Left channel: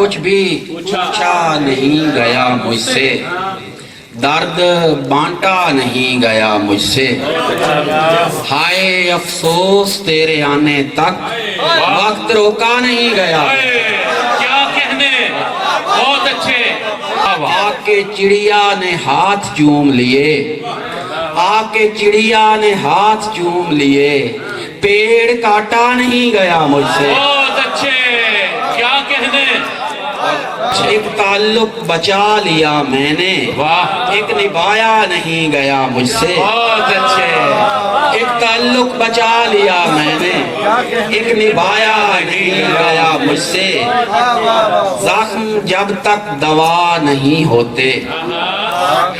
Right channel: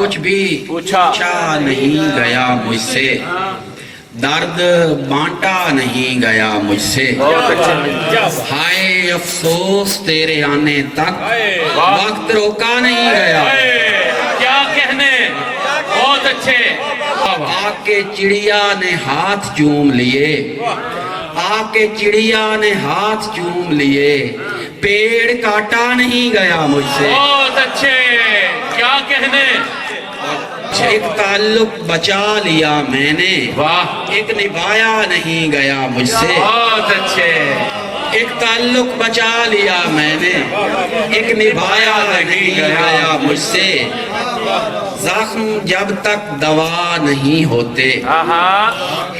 کچھ بھی پوچھا نہیں گیا مجھ سے، درد بانٹا نہیں گیا مجھ سے، ہائے افسوس تیرے آنے تک وقت روکا نہیں گیا۔ کیا کہنے، بہت اچھے۔ آ کے چڑیا نے ہاتھ چوم لیے، آ کے چڑیا نے ہاتھ چوم لیے، پیڑ کاٹا نہیں گیا مجھ سے۔ بہت اچھے، کیا کہنے۔ ایک تعلق بچا لیا میں نے، واہ، ایک نبھایا نہیں گیا مجھ سے۔ بہت اچھے۔ ایک تعلق بچا لیا میں نے، ایک نبھایا نہیں گیا مجھ سے۔ زخم جب تک دوا نہیں ہوتے،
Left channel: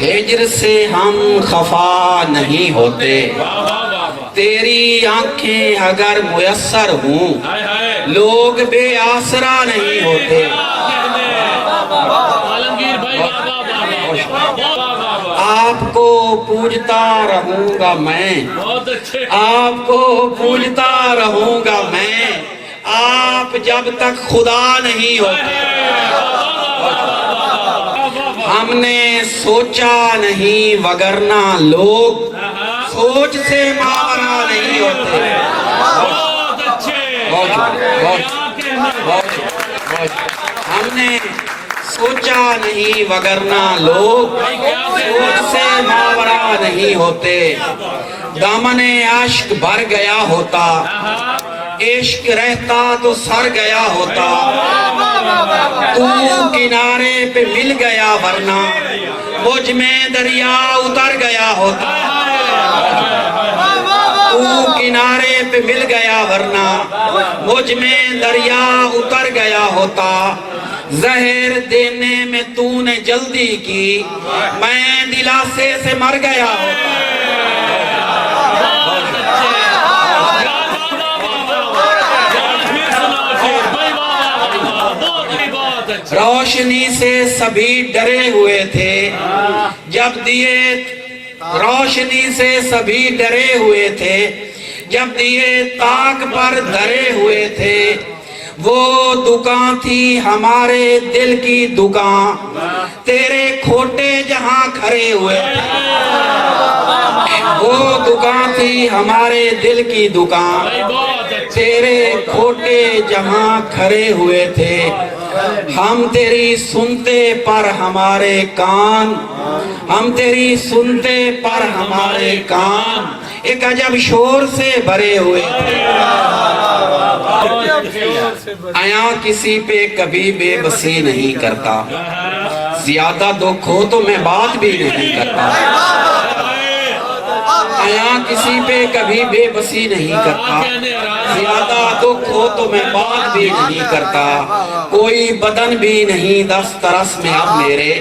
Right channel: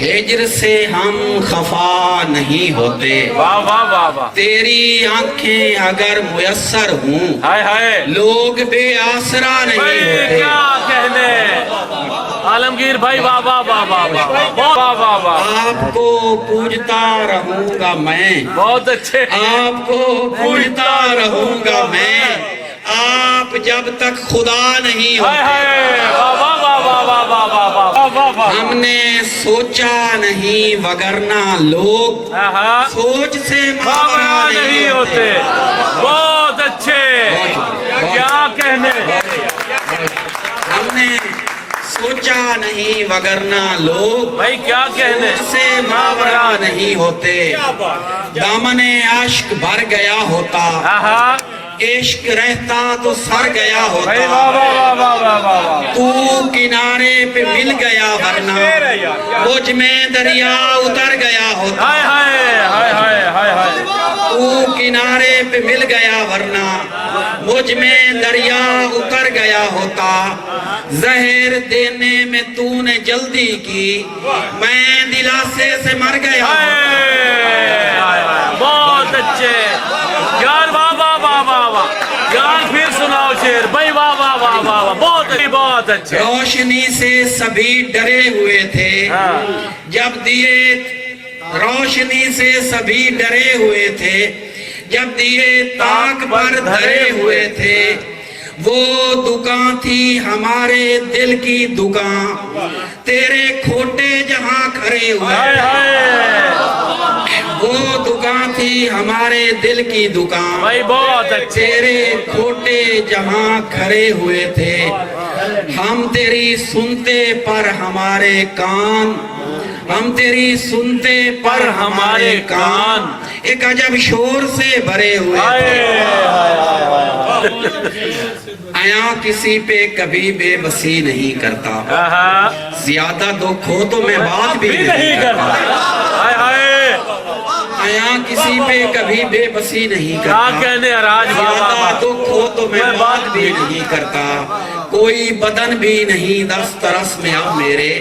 ہجر سے ہم خفا نہیں ہوتے۔ واہ واہ واہ واہ، تیری آنکھیں اگر میسر ہوں، ہائے ہائے، لوگ بے آسرا نہیں ہوتے۔ کیا کہنے، عالمگیر بھائی، واہ واہ واہ واہ واہ واہ واہ واہ، آپ کو پوجتا رہوں گا میں، بہت اچھے۔ آپ کو پوجتا رہوں گا میں، آپ جب تک خدا نہیں ہائے ہوتے۔ ہائے، واہ واہ واہ واہ واہ واہ واہ واہ، ہم نے سوچا نہیں وگرنہ لوگ سوچ سے ماورا نہیں ہوتے۔ بہت اچھے، کیا کہنے۔ ہم نے سوچا نہیں وگرنہ لوگ بھائی کیا کہنے۔ سوچ سے ماورا نہیں ہوتے۔ دامن عشق بھر گیا ہوتا، عشق رہتا تو سر گیا ہوتا۔ تو کنارے پہ مل گیا ورنہ مجھ میں دریا اتر گیا ہوتا۔ ہائے ہائے ہائے ہائے ہائے ہائے، تو کنارے پہ مل گیا ورنہ مجھ میں دریا اتر گیا ہوتا۔ زہر دینے میں تو نے جلدی کی، میں دلاسے سے مر گیا ہوتا۔ بہت اچھے یار، واہ واہ واہ واہ واہ یار، پھر سناؤ شعر بھائی، واہ واہ واہ واہ، بہت اچھے۔ روشنی سے سبھی ڈرے ہوئے تھے جب دیے، روشنی سے سبھی ڈرے ہوئے تھے جب دیے تاک پر دھرے ہوئے تھے۔ وہ دکان تھی ہمارے دل کی دکان، تیرے کھوٹے جہاں کھڑے ہوئے تھے۔ وہ دکان تھی ہمارے دل کی دکان، بھائی بہت اچھے، تیرے کھوٹے جہاں کھڑے ہوئے تھے۔ ہم تیری سنتے پر ہمارے کان، ہم تیری سنتے پر ہمارے کان ایک عجب شور سے بھرے ہوئے تھے۔ آیا کسی پہ کبھی بے بسی نہیں کرتا، زیادہ دکھ ہو تو میں بات بھی نہیں کرتا۔ آیا کسی پہ کبھی بے بسی نہیں کرتا، زیادہ دکھ ہو تو میں بات بھی نہیں کرتا۔ کوئی بدن بھی نہیں دسترس میں اب میرے،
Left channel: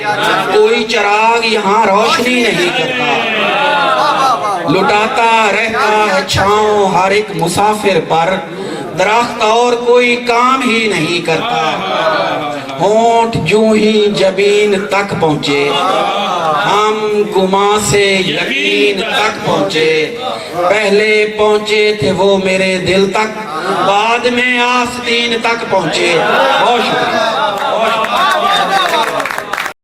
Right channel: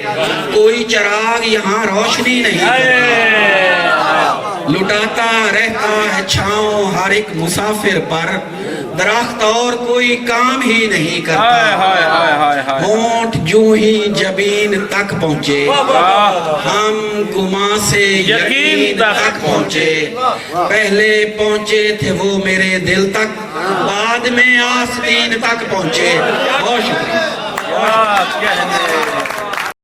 کوئی چراغ یہاں روشنی نہیں کرتا۔ لٹاتا رہتا ہے چھاؤں ہر ایک مسافر پر، درخت اور کوئی کام ہی نہیں کرتا۔ ہونٹ جو ہی جبین تک پہنچے، ہم گما سے یقین تک پہنچے۔ پہلے پہنچے تھے وہ میرے دل تک، بعد میں آستین تک پہنچے۔ بہت شکریہ۔